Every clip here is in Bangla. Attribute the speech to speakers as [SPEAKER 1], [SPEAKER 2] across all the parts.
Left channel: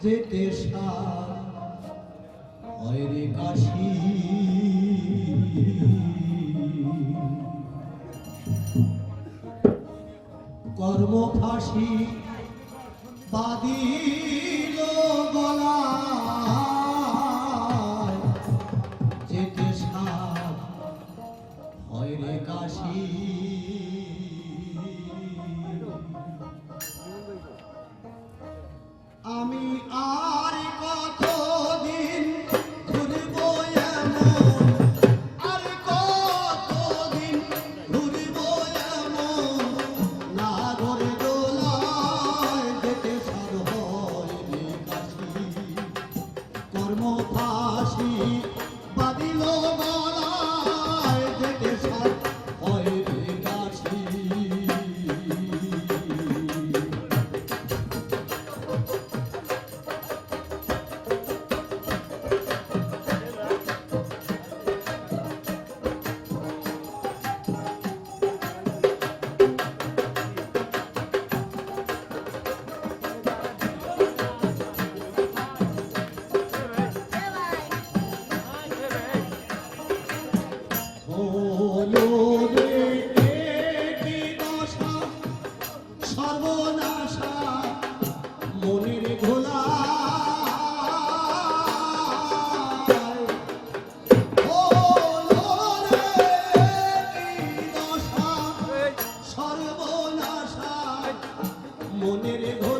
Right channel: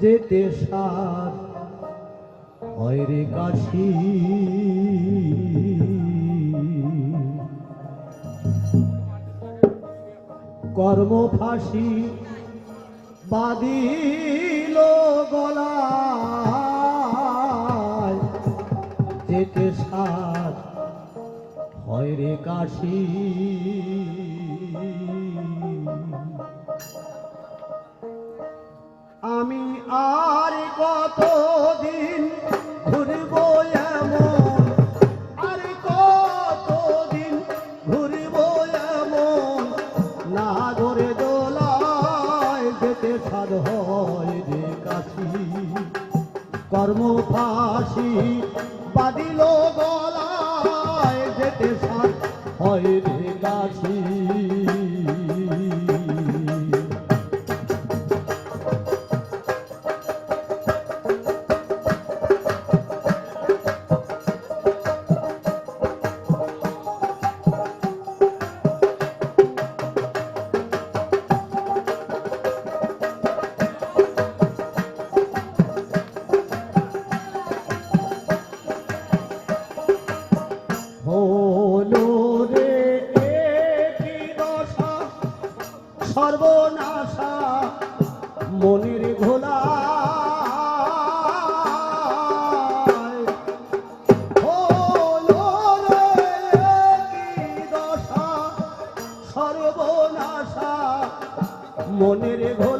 [SPEAKER 1] যেতে সার। হয় রে কাশি। কর্ম ফাঁসি বাদিল গলায়। যেতে সার। হয় কাশি। যেতে সাধ হয় রে কাশি। কর্ম ফাঁসি বাদিল গলায় যেতে সাদ হয় রে কাশি। সর্বনাশা মনির সর্বনাশা মনের ঘোলা।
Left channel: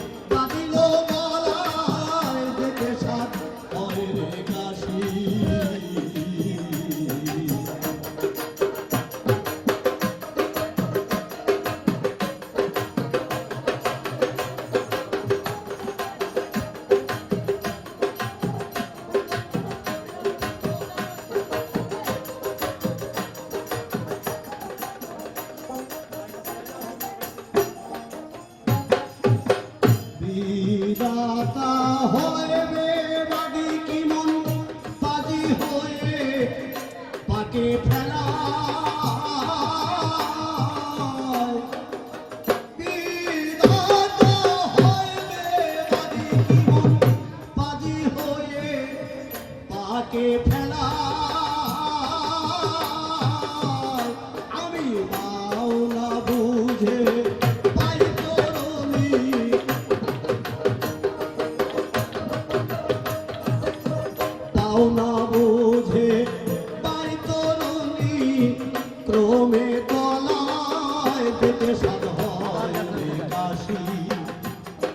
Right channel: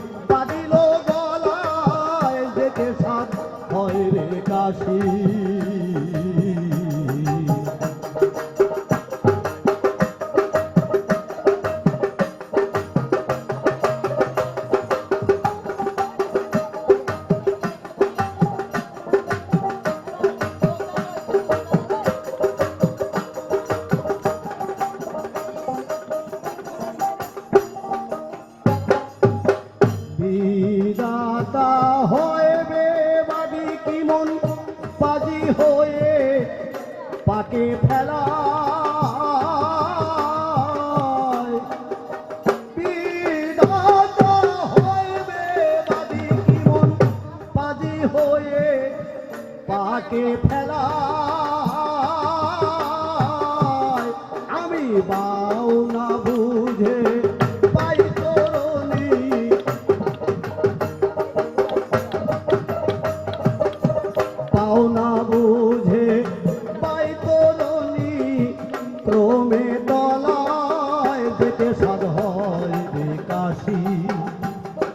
[SPEAKER 1] পাকে ফেলা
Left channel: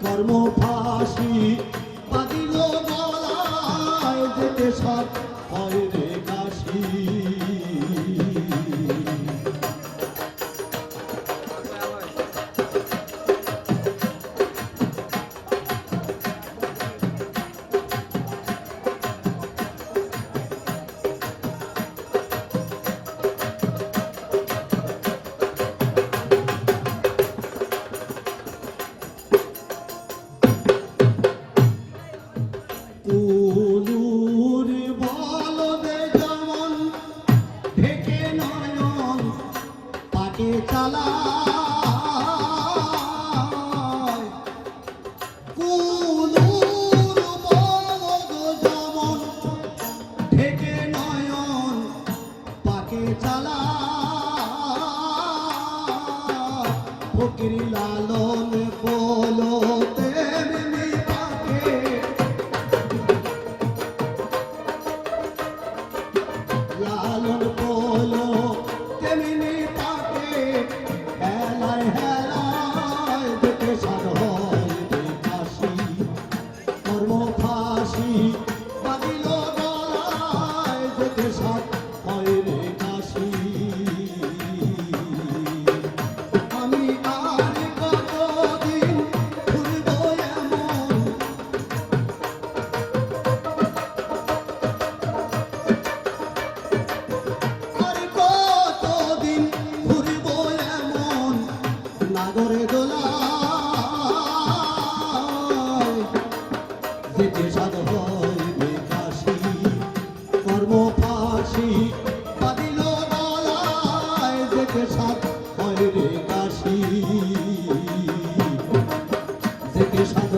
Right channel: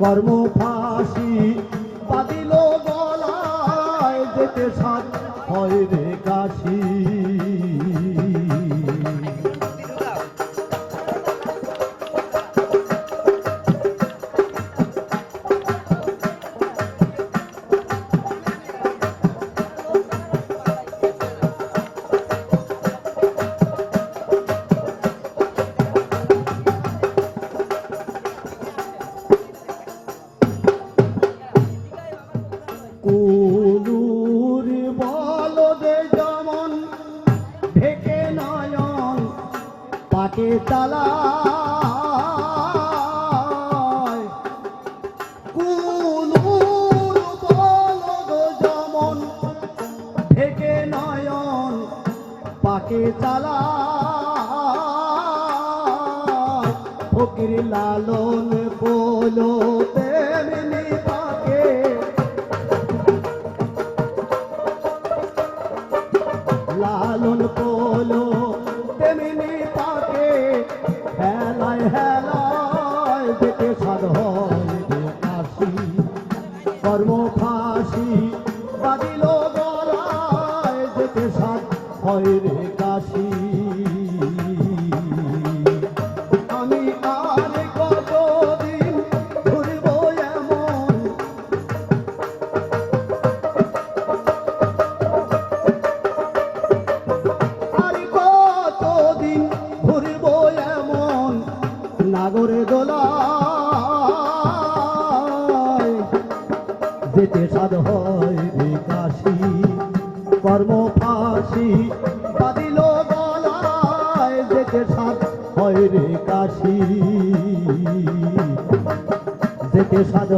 [SPEAKER 1] কর্ম ফাঁসি পাদিল গলায় ফকির লালন বলো লালন পোলো তেমনি তাকে। হেলায় হেলায় বাদিল গলায় সার হয় কর্মফাসি কাঁদিল গলায় দেখে সাত হয় রে কাশি দেখে সাত